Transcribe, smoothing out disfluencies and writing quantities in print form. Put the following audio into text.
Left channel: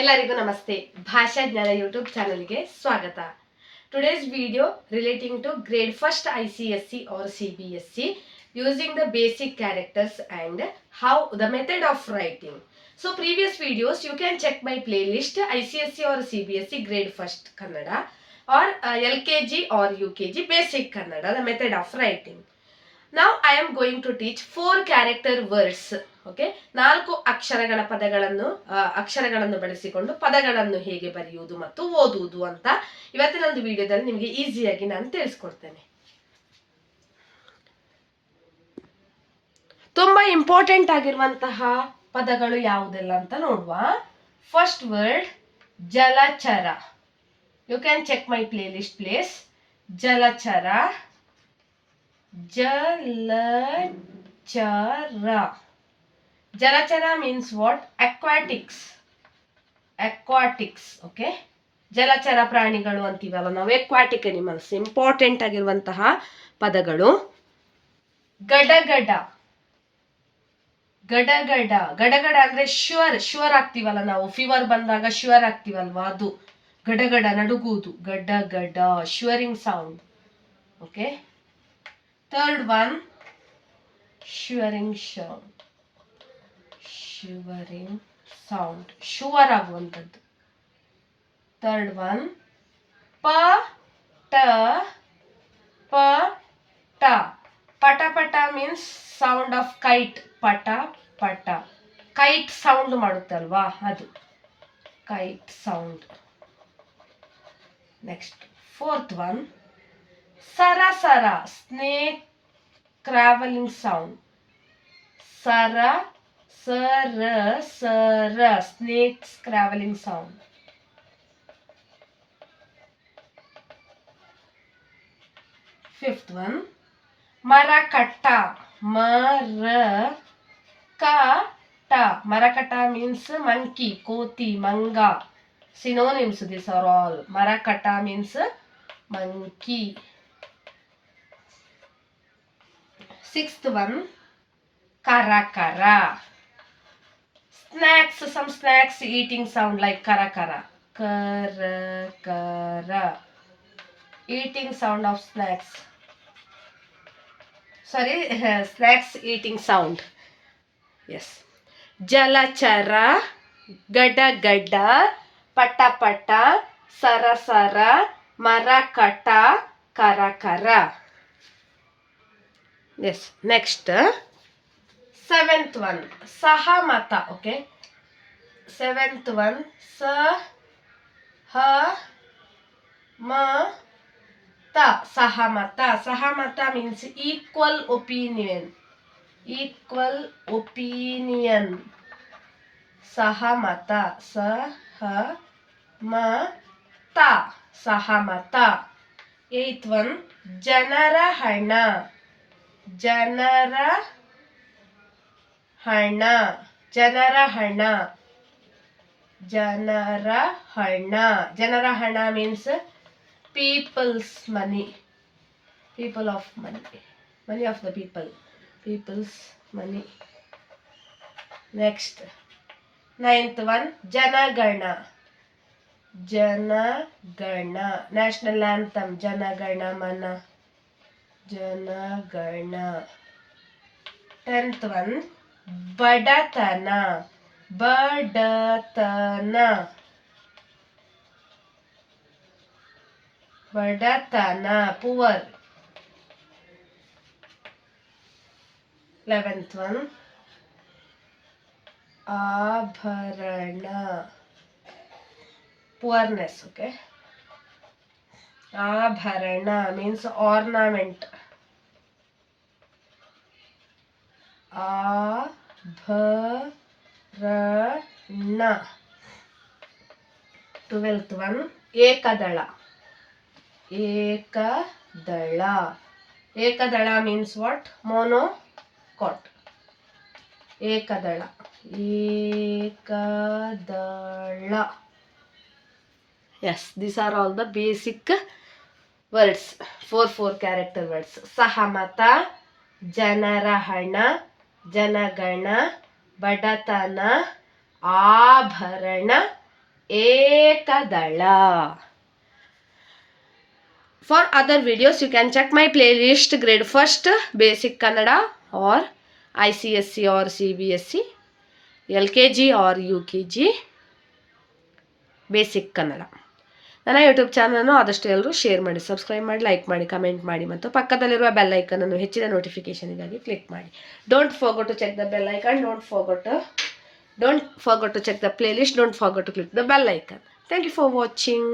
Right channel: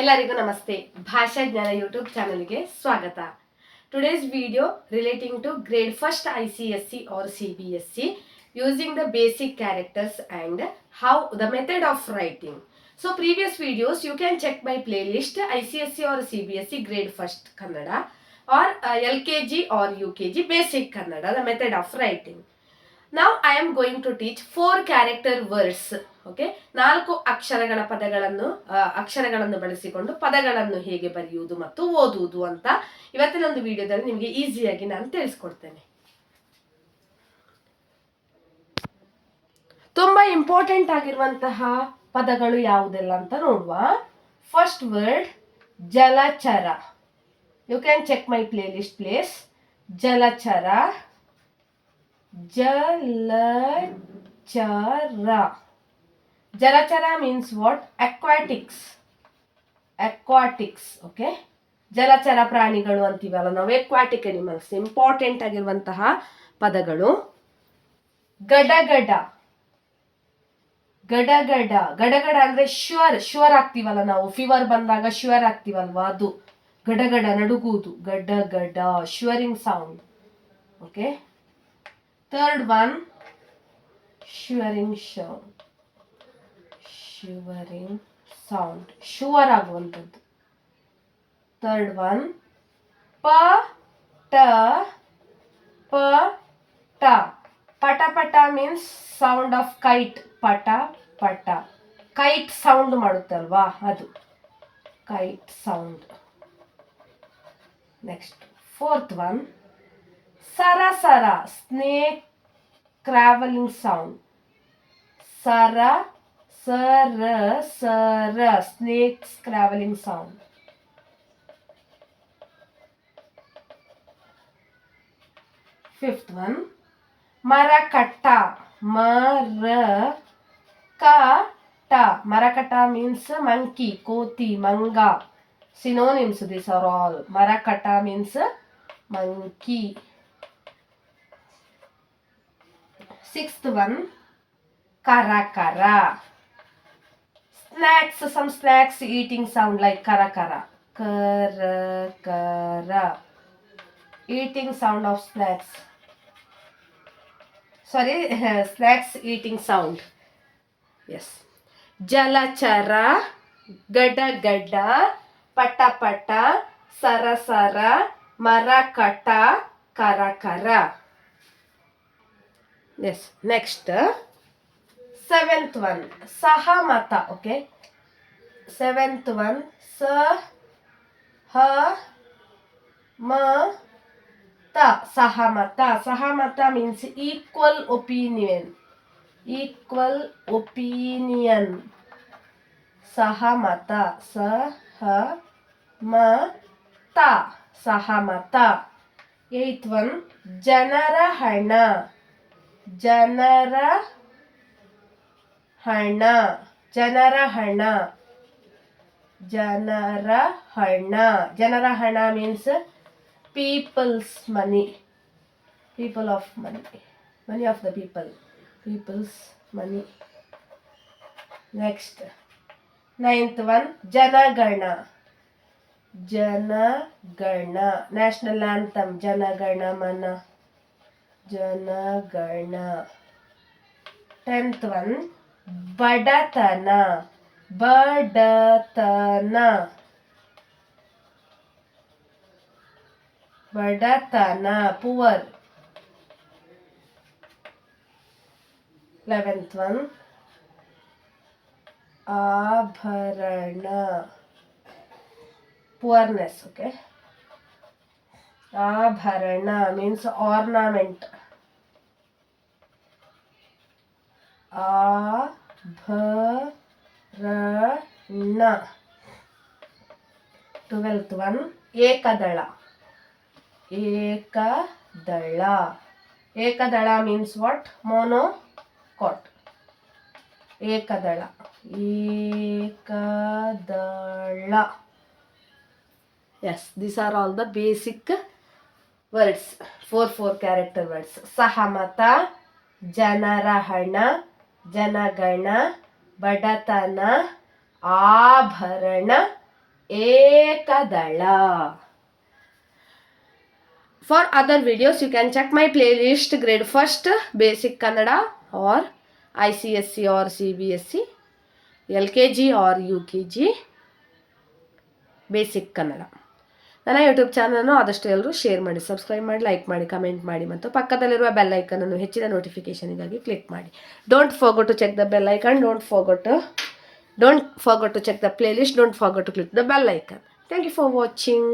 ಎಲ್ಲರಿಗೂ ನಮಸ್ತೆ. ಭಾಷಾ ಜ್ಞಾನ ಯೂಟ್ಯೂಬ್ ಚಾನಲ್ಗೆ ಸ್ವಾಗತ. Today's video relating to grade 1st ICSE or CBSE using the basic characters and how the method of writing. So previous videos you can check my playlist ICSE or CBSE grade 1st Kannada or LKG or UKG basic Kannada, the method of writing. Now I am going to teach 4 character words. Okay, 4 ಅಕ್ಷರಗಳ ಅಕ್ಷರಗಳನ್ನು ಬಳಸಿಕೊಂಡು ಪದಗಳನ್ನು ಹೇಗೆ ಬರೆಯುವುದು ಮತ್ತು ಓದುವುದು ಅಂತ ಇವತ್ತಿನ ಒಂದು ವಿಡಿಯೋದಲ್ಲಿ ನಿಮಗೆ ಈಸಿಯಾಗಿ ನಾನು ತಿಳಿಸ್ಕೊಡ್ತೇನೆ. ತುಂಬಾ ಇಂಪಾರ್ಟೆಂಟ್ ಆಗಿರುವಂತಹ ಪದಗಳು ಯಾವುದೆಲ್ಲ ಅಂತ ನೋಡುವ. ಫಸ್ಟ್ ವರ್ಡ್ ಜಲಚರ. You can check my playlist place. ಜಲಚರ, ಜಲಚರ. ಜಲಚರ means what? Aquatics. Okay, ಜಲಚರ ಪ್ರಾಣಿಗಳು ಅಂತೀವಲ್ಲ ನಾವು, ಎಕ್ವಾಟಿಕ್ ಅನಿಮಲ್ಸ್. ಇಂಪಾರ್ಟೆಂಟ್ ಆಗಿರುವಂತಹ ಪದಗಳು. ಗಡಗಡ. ಗಡಗಡ ಗಡಗಡ ಅಂದ್ರೆ ಶ್ಯೂರ್ ಆಗ್ತೀವಲ್ಲ ನಾವು, ಫೀವರ್ ಬಂದಾಗ ಶ್ಯೂರ್ ಆಗ್ತೀವಲ್ವಾ, ಅದು ಗಡಗಡ, ನಡುಗುವುದು. ಗಡಗಡ, shivering sound. Okay, third one shivering sound. Shiver ಆಗುವಂಥದ್ದು. ಥರ್ಡ್ ಒನ್ ಪಟ. ಪಟ ಪಟ ಮೀನ್ಸ್ ಸೌಂಡ್ ಆಫ್ ಕೈಟ್. ಪಟ ಪಟ, ಕೈಟ್ ಸೌಂಡ್ ಮಾಡುತ್ತಲ್ವಾ, ಅದು kite sound. Next fourth one ಸರಸರ, snake travelling sound. snakes traveling sound. Fifth one marakata. Marakata means monkey, koti, manga. Synonyms these are all. Marakata means monkey. Sixth one karakara. Snacks, some snacks eating sound like karakara. Karakara, eating sound of snacks. Sorry, snacks eating sound. Yes. Jalachara, gada gada, pata pata, sarasara, marakata, karakara. Yes. Next, seventh one sahamata. Okay, seventh one sahamata. Sahamata means equal opinion. Sahamata, sahamata. Eighth one janara hana. Janara hana means people's money. People of money. Money of the people. People's money. Next, ninth one janagana. National anthem. Janagana mana. Janagana. Tenth one ಬಡತನ. Poor. 11th one ಆಭರಣ, ಪುವರ್ನೆಸ್. Okay, ಆಭರಣ means ornament. ಆಭರಣ. 12th one ಏಕದಳ. ಏಕದಳ means what? Monocot. ಏಕದಳ. Yes, these are all the basic words. 4 character words. Sahamata, ಜನರಹಣ, ಜನಗಣ, ಬಡತನ, ಆಭರಣ, ಏಕದಳ. For other videos, you can check my playlist grade 1st basic Kannada or ICSE or CBSE, LKG or UKG basic Kannada. ನನ್ನ YouTube ಚಾನಲನ್ನು ಆದಷ್ಟು ಎಲ್ಲರೂ share ಮಾಡಿ, subscribe ಮಾಡಿ, like ಮಾಡಿ, ಕಮೆಂಟ್ ಮಾಡಿ ಮತ್ತು ಪಕ್ಕದಲ್ಲಿರುವ ಬೆಲ್ ಐಕನನ್ನು ಹೆಚ್ಚಿನ ನೋಟಿಫಿಕೇಷನಿಗಾಗಿ ಕ್ಲಿಕ್ ಮಾಡಿ. Don't forget to check the bell icon, don't forget to check the playlist, don't forget to click the bell icon. Thank you for watching.